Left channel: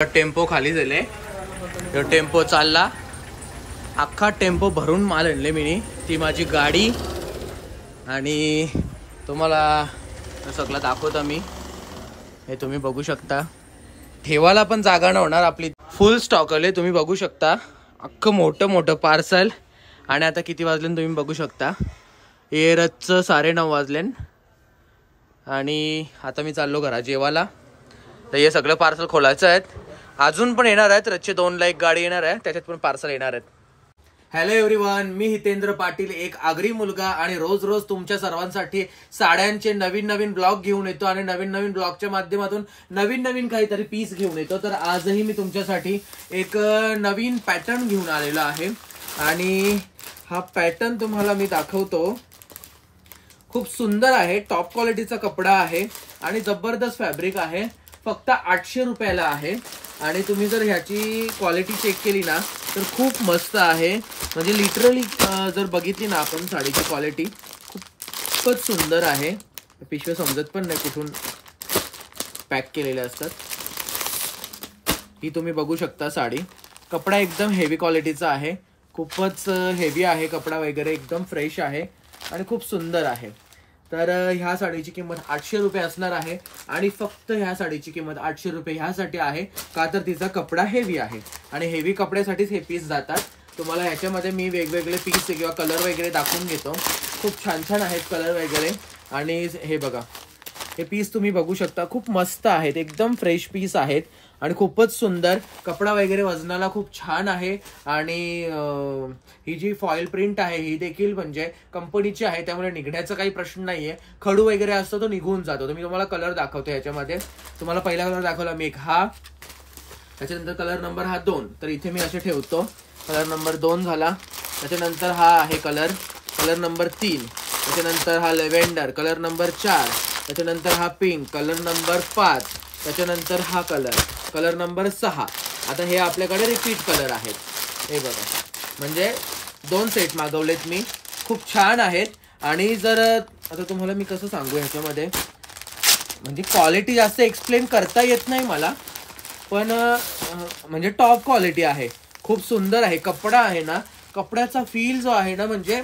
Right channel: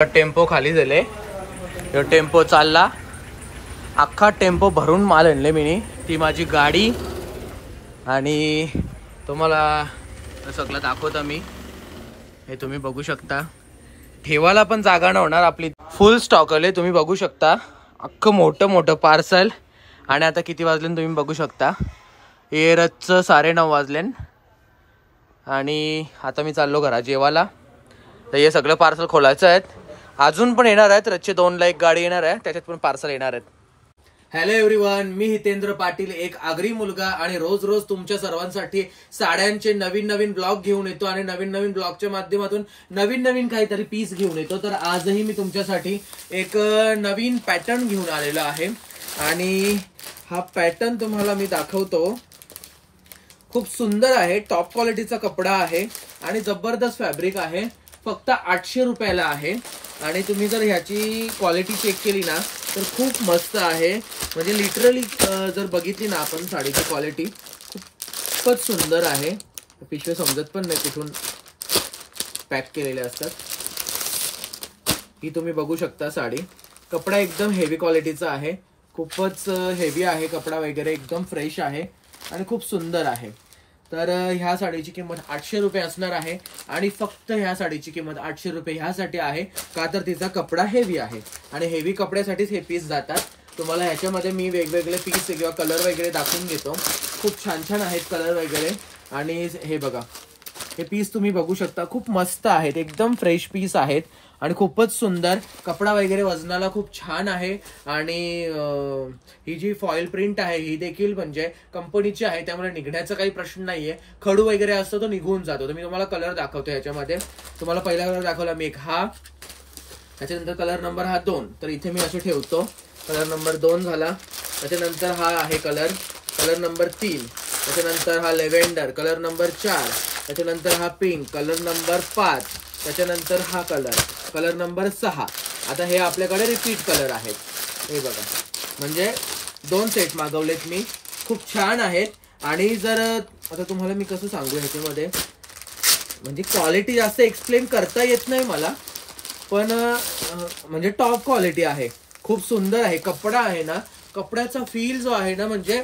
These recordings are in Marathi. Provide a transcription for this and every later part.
टेम्पो खाली झाले, टेम्पो चालला, अख्खा टेम्पो भरून माल आणले मी, ती माझी गाडी आणि तुम्हाला सगळं दाखवतो मी। हे तुम्ही बघू शकता, ठेवायला पण जागा न होणार, आपली फुल स्टॉक आले, तुम्ही बघू शकता अख्खं मोठं मोठं पार्सल। आणि आता किती वाजले तुम्ही बघू शकता, एरचं 9:30 वाजले आणि आता मी चाललो घरा जेवायला। तर हे सगळं पार्सल खोलायचं आहेत, अजून पण येणार आहेत, रच्चे 2 लाख गाडी येणार आहे, त्याच्यात पण पार्सल येणार आहेत। हॅलो एव्हरीवन, मी हितेंद्र पाटील, एक आगरी मुलगा, आणि रोज रोज तुमच्या सर्वांसाठी साड्यांचे नवीन नवीन ब्लॉग घेऊन येतो आणि नवीन नवीन ब्लॉगच्या माध्यमातून नवीन नवीन काहीतरी पीस घेऊन येतो। तर आजही मी तुमच्यासाठी एक नवीन पॅटर्न घेऊन आलेलो आहे आणि हा पॅटर्न तुम्हाला मी दाखवतो। खूप सुंदर आहे, टॉप क्वालिटीचा कपडा आहे आणि जबरदस्त फॅब्रिक आहे, फक्त 800 रुपयाला आहे। आणि तुम्ही जर ह्याची क्वालिटी चेक केली ना तर खूप मस्त आहे, म्हणजे लिटरली जर बघितली ना आपण साडीची क्वालिटी खूपच सुंदर आहे। पिशव्या समजत पण नाही कुठून पॅक केलेले असतात। ही तुम्ही बघू शकता साडी, कपडा एकदम हेवी क्वालिटीचा आहे, खूपच हेवी आहे कपडा वगैरे, एकदम फ्रेश आहे आणि खूप सुंदर आहे। तर ह्या साडीची किंमत 800 रुपये असणार आहे आणि फक्त ह्या साडीची किंमत 800 रुपये ह्यासाठी आहे का तर तिचा कपडा हेवी आहे आणि हेवी कपड्यासाठीच हे पीस जातात। तुम्हाला ह्याच्यामध्ये मी वेगवेगळे पीस किंवा कलर वगैरे दाखवून घेतो, खूप छान छान आहेत कलर वगैरे। आणि हे बघा, हे पीस तुम्ही बघू शकता, खूप मस्त आहेत, एकदम फ्रेश पीस आहेत आणि खूपच सुंदर कपडा वगैरे, वजनाला खूप छान आहे। आणि ही जी फॉइल प्रिंट आहे ही देखील म्हणजे कंपनीची आहे, त्यामुळे निघण्याचा काही प्रश्न नाहीये, खडू वगैरे असतो तो निघून जातो। तर मी तुम्हाला कलर दाखवतो ह्याच्यामध्ये। तुम्हाला पहिला कलर दाखवला मी, एक हा, त्याच्यानंतर कलर नंबर हा 2, तर इथे मी असे ठेवतो, कलर नंबर 2 झाला। त्याच्यानंतर हा आहे कलर नंबर 3, त्याच्यानंतर हा लेव्हेंडर कलर नंबर 4, त्याच्यानंतर हा पिंक कलर नंबर 5, त्याच्यानंतर हा कलर नंबर 6। आता हे आपल्याकडे रिपीट कलर आहेत, हे बघा, म्हणजे 2 सेट मागवलेत मी, खूप छान आहेत। आणि जर आता तुम्हाला मी कसं सांगू ह्याच्यामध्ये, म्हणजे क्वालिटी जास्त एक्सप्लेन करता येत नाही मला, पण म्हणजे टॉप क्वालिटी आहे, खूप सुंदर आहे कपडा आहे ना, कपड्याचा फील जो आहे ना, म्हणजे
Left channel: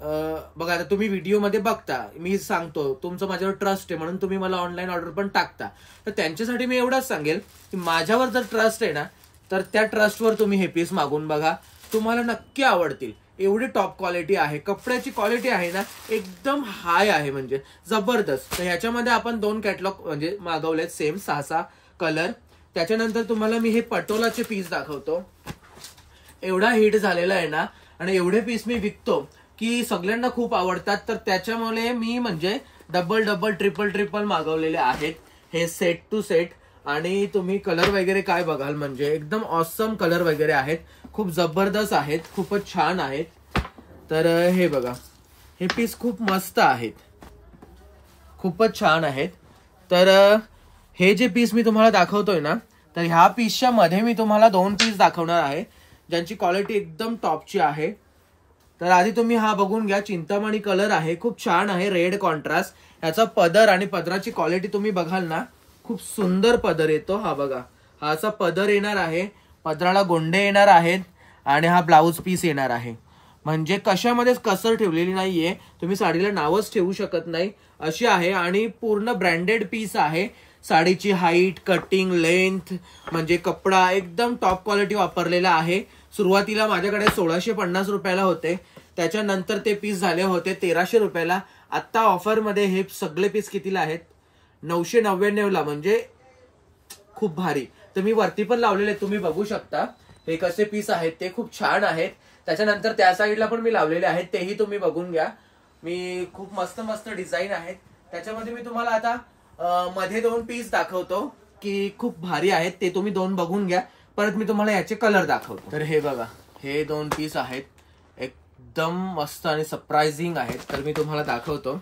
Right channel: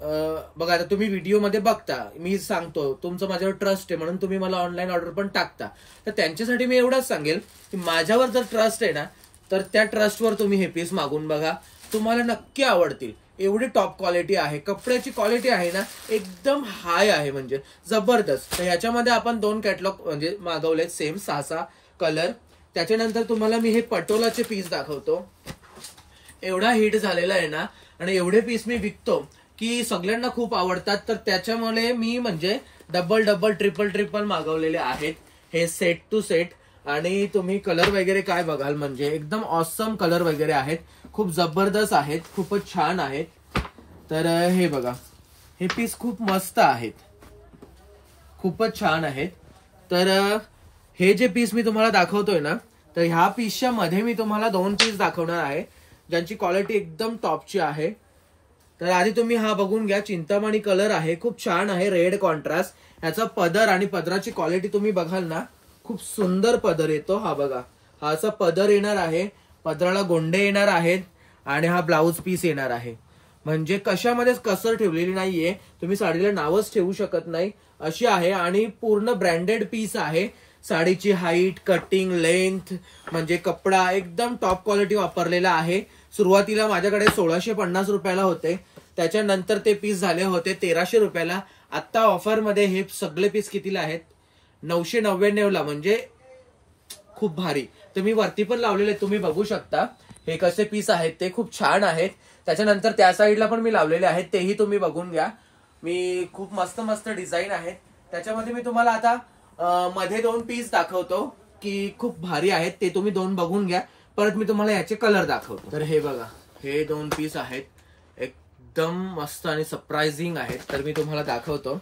बघा आता तुम्ही व्हिडिओ मध्ये बघता, मी सांगतो तुमचं माझ्यावर ट्रस्ट आहे म्हणून तुम्ही मला ऑनलाईन ऑर्डर पण टाकता, तर त्यांच्यासाठी मी एवढंच सांगेल की माझ्यावर जर ट्रस्ट आहे ना तर त्या ट्रस्टवर तुम्ही हे पीस मागून बघा, तुम्हाला नक्की आवडतील। एवढी टॉप क्वालिटी आहे, कपड्याची क्वालिटी आहे ना एकदम हाय आहे, म्हणजे जबरदस्त। तर ह्याच्यामध्ये आपण 2 कॅटलॉग म्हणजे मागवलेत, सेम 6 कलर। त्याच्यानंतर तुम्हाला मी हे पटोलाचे पीस दाखवतो, एवढा हिट झालेला आहे ना आणि एवढे पीस मी विकतो की सगळ्यांना खूप आवडतात, तर त्याच्यामुळे मी म्हणजे डबल ट्रिपल मागवलेले आहेत हे सेट टू सेट। आणि तुम्ही कलर वगैरे काय बघाल, म्हणजे एकदम ऑसम कलर वगैरे आहेत, खूप जबरदस्त आहेत, खूपच छान आहेत। तर हे बघा, हे पीस खूप मस्त आहेत, खूपच छान आहेत। तर हे जे पीस मी तुम्हाला दाखवतोय ना, तर ह्या पीसच्या मध्ये मी तुम्हाला 2 पीस दाखवणार आहे ज्यांची क्वालिटी एकदम टॉपची आहे। तर आधी तुम्ही हा बघून घ्या, चिंतामणी कलर आहे, खूप छान आहे, रेड कॉन्ट्रास्ट। याचा पदर आणि पदराची क्वालिटी तुम्ही बघाल ना, खूप सुंदर पदर येतो, हा बघा, हा असा पदर येणार आहे, पदराला गोंडे येणार आहेत आणि हा ब्लाउज पीस येणार आहे, म्हणजे कशामध्येच कसर ठेवलेली नाहीये, तुम्ही साडीला नावच ठेवू शकत नाही अशी आहे। आणि पूर्ण ब्रँडेड पीस आहे, साडीची हाईट, कटिंग, लेंथ, म्हणजे कपडा एकदम टॉप क्वालिटी वापरलेला आहे। सुरुवातीला माझ्याकडे 1650 रुपयाला होते, त्याच्यानंतर ते पीस झाले होते 1300 रुपयाला। आता ऑफर मध्ये हे सगळे पीस कितीला आहेत, 999 ला, म्हणजे खूप भारी। तर मी वरती पण लावलेले, तुम्ही बघू शकता हे कसे पीस आहेत, ते खूप छान आहेत। त्याच्यानंतर त्या साईडला पण मी लावलेले आहेत, तेही तुम्ही बघून घ्या, मी खूप मस्त मस्त डिझाईन आहेत त्याच्यामध्ये। मी तुम्हाला आता मध्ये 2 पीस दाखवतो की खूप भारी आहेत, ते तुम्ही 2 बघून घ्या, परत मी तुम्हाला याचे कलर दाखवतो। तर हे बघा, हे 2 पीस आहेत, एकदम मस्त आणि सरप्राइझिंग आहेत, तर मी तुम्हाला दाखवतो।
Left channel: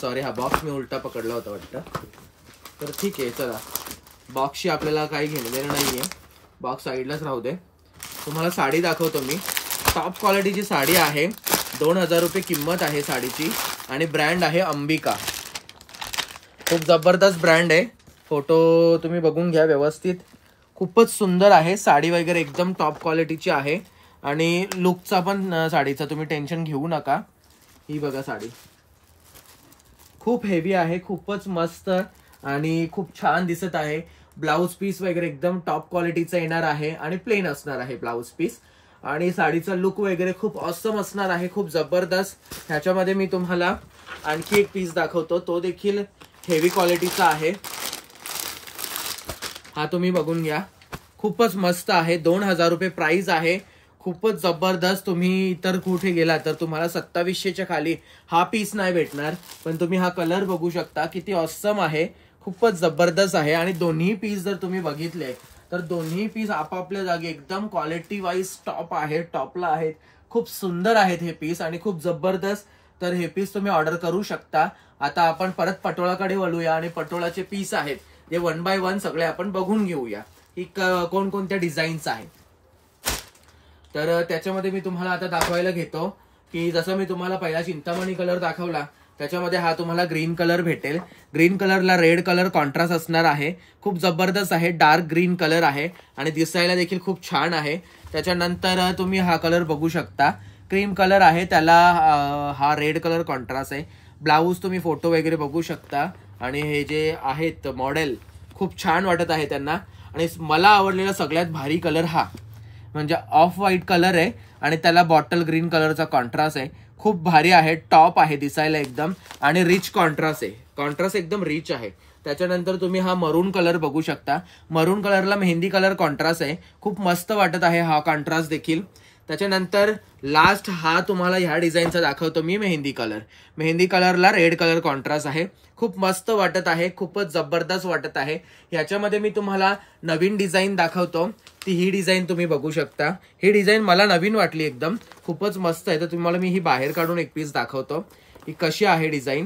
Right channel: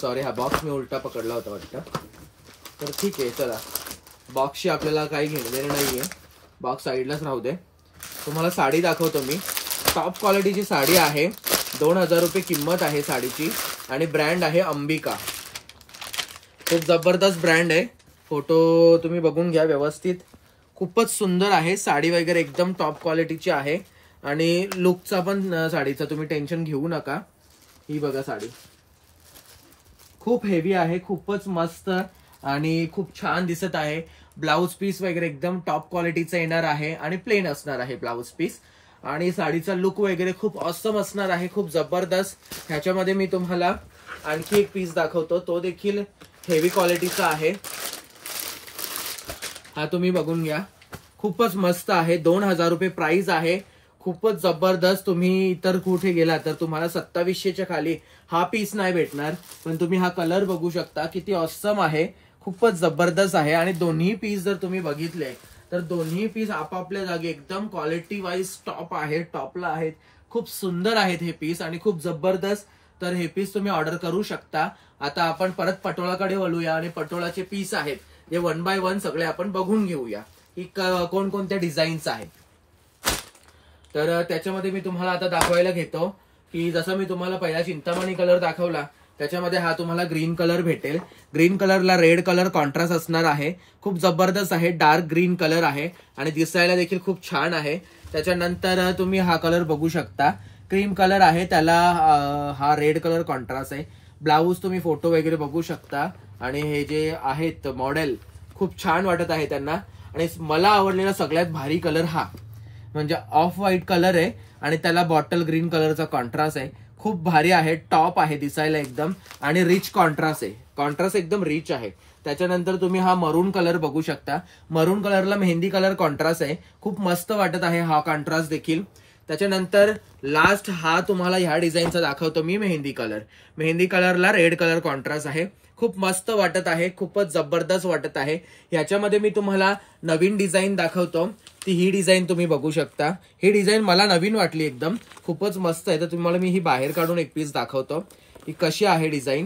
सॉरी, हा बॉक्स मी उलटा पकडला होता वाटतं, तर ठीक आहे, चला, बॉक्सशी आपल्याला काही घेणं नाहीये, बॉक्स साईडलाच राहू दे। तुम्हाला साडी दाखवतो मी, टॉप क्वालिटीची साडी आहे, 2000 रुपये किंमत आहे साडीची आणि ब्रँड आहे अंबिका, खूप जबरदस्त ब्रँड आहे। फोटो तुम्ही बघून घ्या व्यवस्थित, खूपच सुंदर आहे. साडी वगैरे एकदम टॉप क्वालिटीची आहे आणि लुकचा पण साडीचा तुम्ही टेन्शन घेऊ नका. ही बघा साडी खूप हेवी आहे, खूपच मस्त आणि खूप छान दिसत आहे. ब्लाउज पीस वगैरे एकदम टॉप क्वालिटीचा येणार आहे आणि प्लेन असणार आहे ब्लाउज पीस. आणि साडीचा लुक वगैरे खूप ऑसम असणार आहे, खूप जबरदस्त. ह्याच्यामध्ये मी तुम्हाला आणखी एक पीस दाखवतो, तो देखील हेवी क्वालिटीचा आहे. हा तुम्ही बघून घ्या, खूपच मस्त आहे. 2000 रुपये प्राइस आहे. खूपच जबरदस्त. तुम्ही इतर कुठे गेला तर तुम्हाला 2700च्या खाली हा पीस नाही भेटणार. पण तुम्ही हा कलर बघू शकता, किती ऑसम आहे, खूपच जबरदस्त आहे. आणि दोन्ही पीस जर तुम्ही बघितले तर दोन्ही पीस आपापल्या जागी एकदम क्वालिटी वाईज टॉप आहे, टॉपला आहेत. खूप सुंदर आहेत हे पीस आणि खूप जबरदस्त. तर हे पीस तुम्ही ऑर्डर करू शकता. आता आपण परत पटोळाकडे वळूया आणि पटोळाचे पीस आहेत जे 1 बाय 1 सगळे आपण बघून घेऊया की कोणकोणत्या डिझाईन्स आहेत. तर त्याच्यामध्ये मी तुम्हाला आता दाखवायला घेतो की जसं मी तुम्हाला पहिला चिंतामणी कलर दाखवला, त्याच्यामध्ये हा तुम्हाला ग्रीन कलर भेटेल. ग्रीन कलरला रेड कलर कॉन्ट्रास्ट असणार आहे. खूप जबरदस्त आहे, डार्क ग्रीन कलर आहे आणि दिसायला देखील खूप छान आहे. त्याच्यानंतर तुम्ही हा कलर बघू शकता, क्रीम कलर आहे, त्याला हा रेड कलर कॉन्ट्रास्ट आहे. ब्लाऊज तुम्ही फोटो वगैरे बघू शकता आणि हे जे आहेत मॉडेल खूप छान वाटत आहे त्यांना. आणि मला आवडलेला सगळ्यात भारी कलर हा म्हणजे ऑफ व्हाईट कलर आहे आणि त्याला बॉटल ग्रीन कलरचा कॉन्ट्रास्ट आहे. खूप भारी आहे, टॉप आहे दिसायला एकदम आणि रिच कॉन्ट्रास्ट आहे, कॉन्ट्रास्ट एकदम रिच आहे. त्याच्यानंतर तुम्ही हा मरून कलर बघू शकता. मरून कलरला मेहंदी कलर कॉन्ट्रास्ट आहे, खूप मस्त वाटत आहे हा कॉन्ट्रास्ट देखील. त्याच्यानंतर लास्ट हा तुम्हाला ह्या डिझाईनचा दाखवतो मी, मेहंदी कलर. मेहंदी कलरला रेड कलर कॉन्ट्रास्ट आहे, खूप मस्त वाटत आहे, खूपच जबरदस्त वाटत आहे. ह्याच्यामध्ये मी तुम्हाला नवीन डिझाईन दाखवतो, ती ही डिझाईन तुम्ही बघू शकता. ही डिझाईन मला नवीन वाटली एकदम, खूपच मस्त आहे. तर तुम्हाला मी ही बाहेर काढून एक पीस दाखवतो की कशी आहे डिझाईन.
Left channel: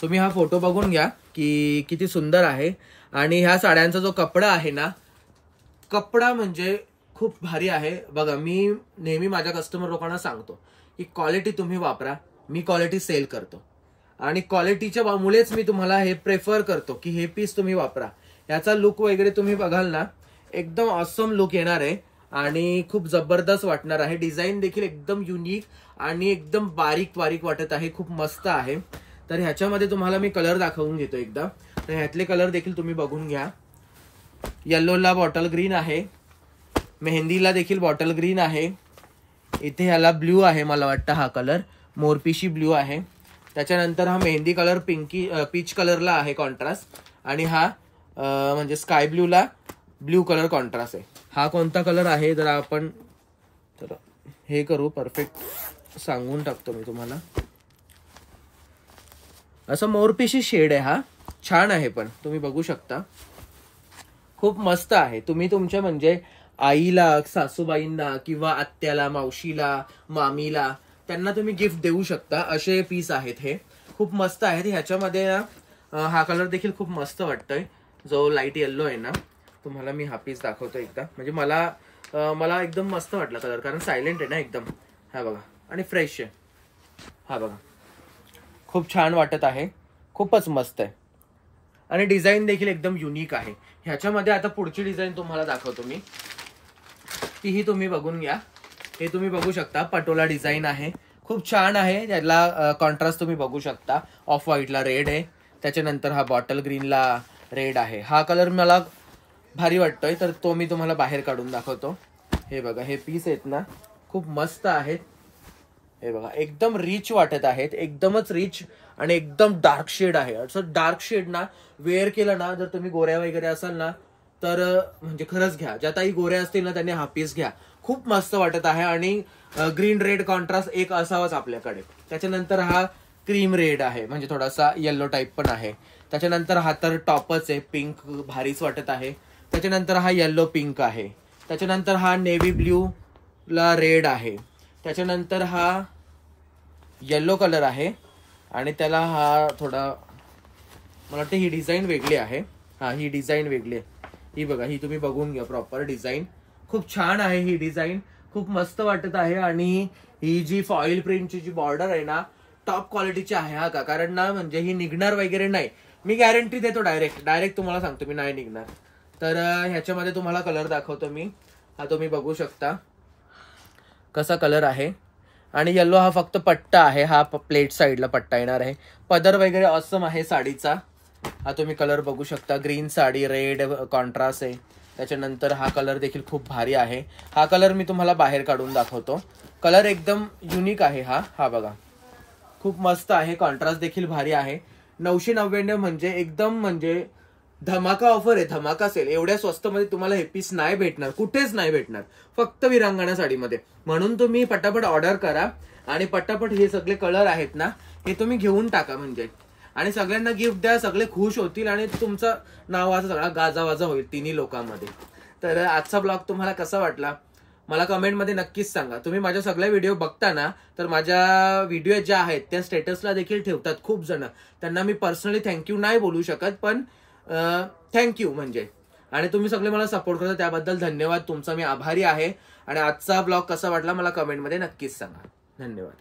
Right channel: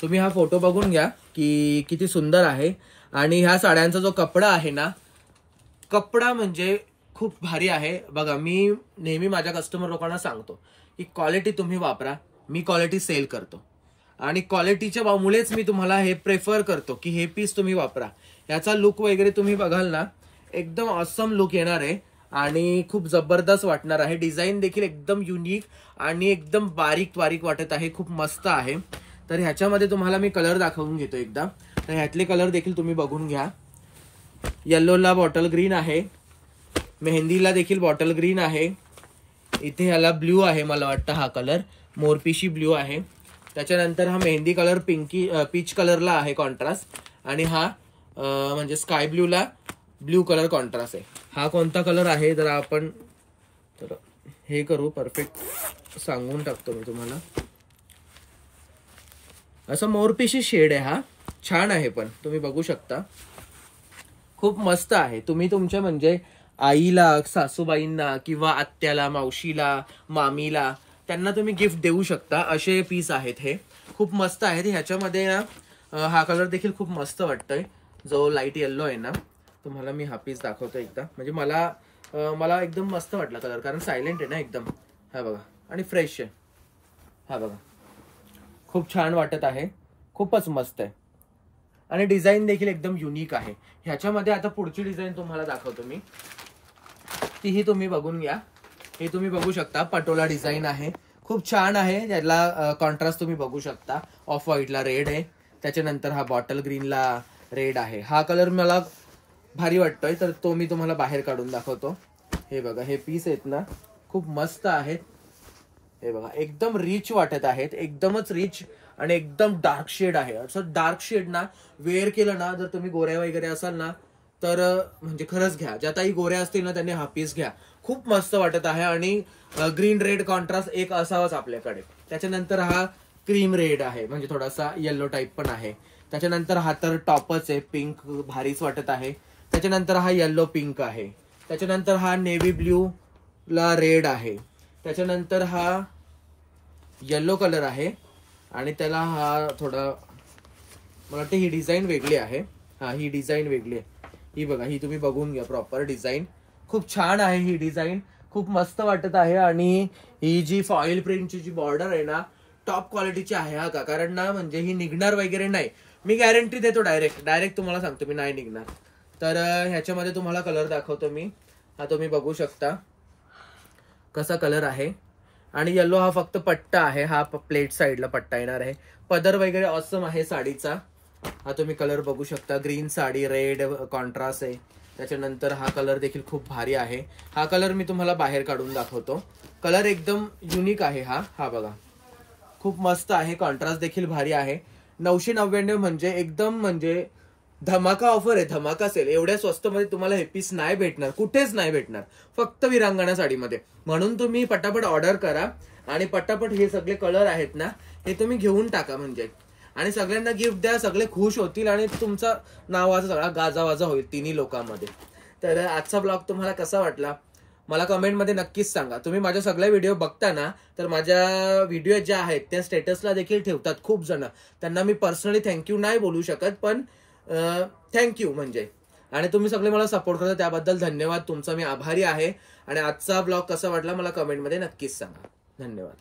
तुम्ही हा फोटो बघून घ्या की किती सुंदर आहे. आणि ह्या साड्यांचा जो कपडा आहे ना, कपडा म्हणजे खूप भारी आहे. बघा, मी नेहमी माझ्या कस्टमर लोकांना सांगतो की क्वालिटी तुम्ही वापरा. मी क्वालिटी सेल करतो आणि क्वालिटीच्या मुळेच मी तुम्हाला हे प्रेफर करतो की हे पीस तुम्ही वापरा. याचा लुक वगैरे तुम्ही बघाल ना, एकदम ऑसम लुक येणार आहे आणि खूप जबरदस्त वाटणार आहे. डिझाईन देखील एकदम युनिक आणि एकदम बारीक बारीक वाटत आहे, खूप मस्त आहे. तर ह्याच्यामध्ये तुम्हाला मी कलर दाखवून घेतो एकदा. तर ह्यातले कलर देखील तुम्ही बघून घ्या. येल्लोला बॉटल ग्रीन आहे, मेहंदीला देखील बॉटल ग्रीन आहे, इथे ह्याला ब्ल्यू आहे, मला वाटतं हा कलर मोरपिशी ब्ल्यू आहे. त्याच्यानंतर हा मेहंदी कलर पीच कलरला आहे कॉन्ट्रास्ट आणि हा म्हणजे स्काय ब्ल्यूला ब्ल्यू कलर कॉन्ट्रास्ट आहे. हा कोणता कलर आहे जर आपण तर हे करू, परफेक्ट सांगून टाकतो मी तुम्हाला. असं मोरपिशी शेड आहे, हा छान आहे, पण तुम्ही बघू शकता खूप मस्त आहे. तुम्ही तुमच्या म्हणजे आईला, सासूबाईंना किंवा आत्याला, मावशीला, मामीला त्यांना तुम्ही गिफ्ट देऊ शकता, असे पीस आहेत हे. खूप मस्त आहेत. ह्याच्यामध्ये हा कलर देखील खूप मस्त वाटतोय, जो लाईट येल्लो आहे ना. तुम्हाला मी हा पीस दाखवतो एकदा. म्हणजे मला एकदम मस्त वाटला कलर, कारण सायलेंट आहे ना एकदम. हा बघा, आणि फ्रेश आहे. हा बघा, खूप छान वाटत आहे, खूपच मस्त आहे आणि डिझाईन देखील एकदम युनिक आहे. ह्याच्यामध्ये आता पुढची डिझाईन तुम्हाला दाखवतो मी, तीही तुम्ही बघून घ्या. हे तुम्ही बघू शकता, पटोला डिझाईन आहे, खूप छान आहे. त्याला कॉन्ट्रास्ट तुम्ही बघू शकता, ऑफ व्हाईटला रेड आहे, त्याच्यानंतर हा बॉटल ग्रीनला रेड आहे. हा कलर मला भारी वाटतोय, तर तो मी तुम्हाला बाहेर काढून दाखवतो. हे बघा, हे पीस आहेत ना, खूप मस्त आहेत. हे बघा, एकदम रिच वाटत आहेत, एकदमच रिच आणि एकदम डार्क शेड आहे. असं डार्क शेड ना वेअर केलं ना, जर तुम्ही गोऱ्या वगैरे असाल ना, तर म्हणजे खरंच घ्या. ज्या ताई गोऱ्या असतील ना त्यांनी हा पीस घ्या, खूप मस्त वाटत आहे. आणि ग्रीन रेड कॉन्ट्रास्ट एक असावाच आपल्याकडे. त्याच्यानंतर हा क्रीम रेड आहे, म्हणजे थोडासा येल्लो टाईप पण आहे. त्याच्यानंतर हा तर टॉपच आहे, पिंक भारीच वाटत आहे. त्याच्यानंतर हा येल्लो पिंक आहे. त्याच्यानंतर हा नेव्ही ब्ल्यू ला रेड आहे. त्याच्यानंतर हा येल्लो कलर आहे आणि त्याला हा थोडा, मला वाटतं ही डिझाईन वेगळी आहे. हा, ही डिझाईन वेगळी आहे. ही बघा, ही तुम्ही बघून घ्या प्रॉपर डिझाईन. खूप छान आहे ही डिझाईन, खूप मस्त वाटत आहे. आणि ही जी फॉईल प्रिंटची जी बॉर्डर आहे ना, टॉप क्वालिटीची आहे हा का, कारण ना म्हणजे ही निघणार वगैरे नाही, मी गॅरंटी देतो. डायरेक्ट तुम्हाला सांगतो मी, नाही निघणार. तर ह्याच्यामध्ये तुम्हाला कलर दाखवतो मी. हा तुम्ही बघू शकता कसा कलर आहे. आणि येलो हा फक्त पट्टा आहे, हा प्लेट साईडला पट्टा येणार आहे. पदर वगैरे ऑसम आहे साडीचा. हा तुम्ही कलर बघू शकता, ग्रीन साडी, रेड कॉन्ट्रास्ट आहे. त्याच्यानंतर हा कलर देखील खूप भारी आहे. हा कलर मी तुम्हाला बाहेर काढून दाखवतो. कलर एकदम युनिक आहे हा. हा बघा खूप मस्त आहे, कॉन्ट्रास्ट देखील भारी आहे. 999 म्हणजे एकदम म्हणजे धमाका ऑफर आहे, धमाका सेल. एवढ्या स्वस्त मध्ये तुम्हाला हे पीस नाही भेटणार, कुठेच नाही भेटणार, फक्त विरांगणा साडीमध्ये. म्हणून तुम्ही पटापट ऑर्डर करा आणि पटापट हे सगळे कलर आहेत ना हे तुम्ही घेऊन टाका म्हणजे. आणि सगळ्यांना गिफ्ट द्या, सगळे खुश होतील आणि तुमचं नावाचा सगळा गाजावाजा होईल तिन्ही लोकांमध्ये. तर आजचा ब्लॉग तुम्हाला कसा वाटला मला कमेंटमध्ये नक्कीच सांगा. तुम्ही माझ्या सगळ्या व्हिडिओ बघता ना, तर माझ्या व्हिडिओ ज्या आहेत त्या स्टेटसला देखील ठेवतात खूप जण. त्यांना मी पर्सनली थँक्यू नाही बोलू शकत, पण थँक्यू म्हणजे. आणि तुम्ही सगळे मला सपोर्ट करता त्याबद्दल धन्यवाद तुमचा, मी आभारी आहे. आणि आजचा ब्लॉग कसा वाटला मला कमेंटमध्ये नक्कीच सांगा. धन्यवाद.